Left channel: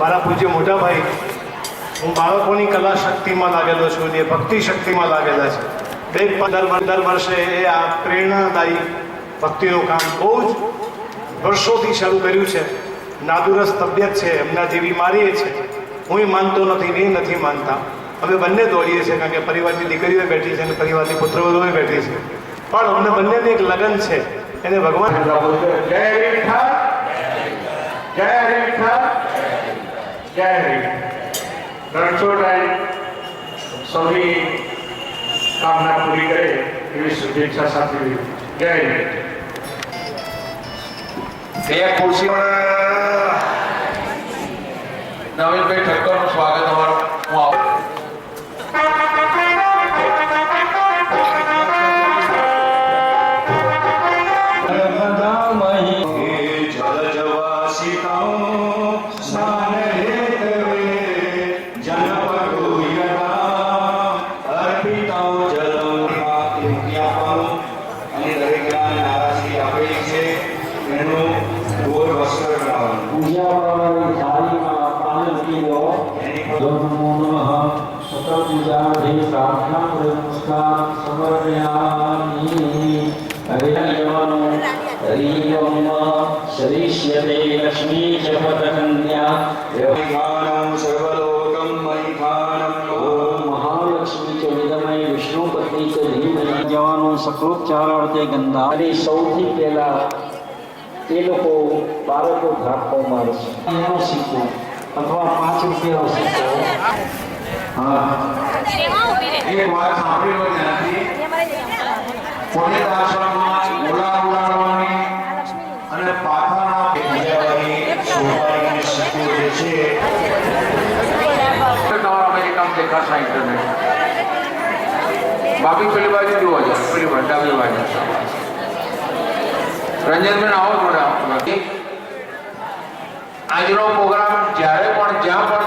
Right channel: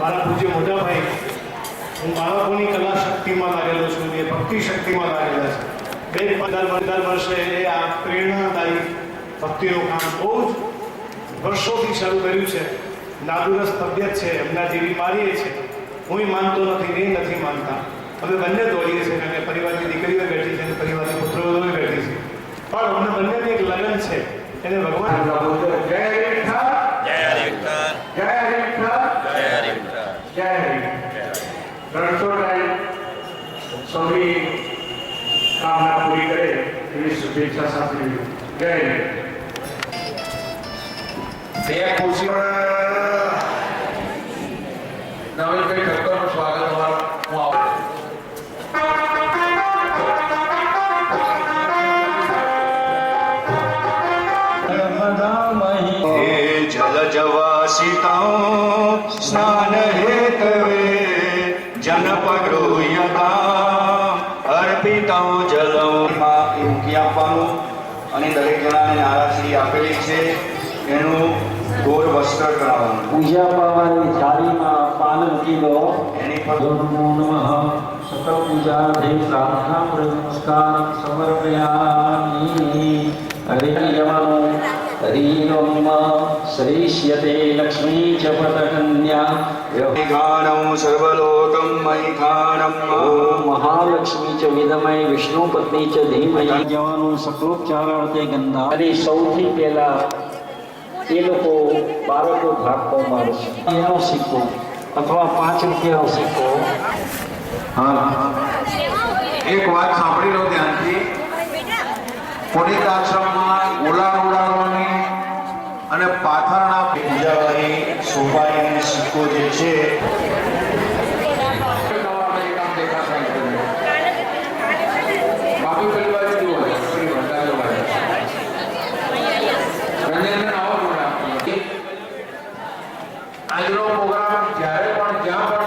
મારા પૂજ્ય મોટા ભાઈ, હું બાળકોની કલા શક્તિમાં લાગેલો છું, જે ભક્તિ શક્તિમાં લાગેલા છે. દર વર્ષે એ આ પ્રેરણાદાયી ભક્તિનું કામ બહુ જ વર્ષોથી શરૂ કર્યું છે. નાદુરસ્ત તબિયત છે, એમના જે બીમારી છે, હું માનતો નથી, એ નથી માનતા. અમે બંને દોડીએ છીએ, કારણ કે પરિવારની દીકરીઓ બેઠી છે અને પરિવારની પુત્રવધુઓ બેઠી છે, પણ અમને બંનેને એક લગ્ન છે. એને ભગવાન જય વિઠ્ઠલ, જય વિઠ્ઠલ, જય રણછોડરાય સૌની કામના પૂરી કરે એવી શુભેચ્છા સાથે જય બે ખુરશી નવીનભાઈ ઠક્કરનું સ્વાગત અમારું. હું આવું સ્નાન હેતવે જનપદો યથા અર્પિતો જલમ આપવાનું અને દરેક જણાને આરાશી આપેલી છે એનું ગોળ વસ્ત્ર કરાવવાનું. પૂજા પાવાની થાળીમાં પાલન કીધો એની પર નમો નમઃ સકલ પૂજાર્થે પ્રાર્થના નમસ્કાર સમર્પયામિ. હરે જવાનું હરિ શ્રીષ્યતે લક્ષ્મી ચ પ્રકન્યા ગાનમ સર્વલોકમ મૈખાનમ ઓમ મહાલક્ષ્મી ચ વિદમય વિષ્ણુ પત્ની ચ ધીમહિ. જવાનું સકલોપચારાર્થે ગંધા. અને સૌથી પહેલા એ લોકો બાળકો ધાકો મારશે. એનો સિક્કો અથવા 5 રૂપિયાનો સિક્કો. હા, એક વાત સાંભળી લો ધ્યાનથી. પુનિત આશ્રમમાં ગોળા ઉડાડવાની અને પાથરના પૂજાવાળી સોપારી સિક્કો જે છે કામ દેખાશે. બાકી પેલી બાજુ જુઓ છો, પેલી ડાબી બાજુ. રંજનબેન આવો થોડા. આજનો પ્રોગ્રામ જ્યારે પણ જ્યાં પણ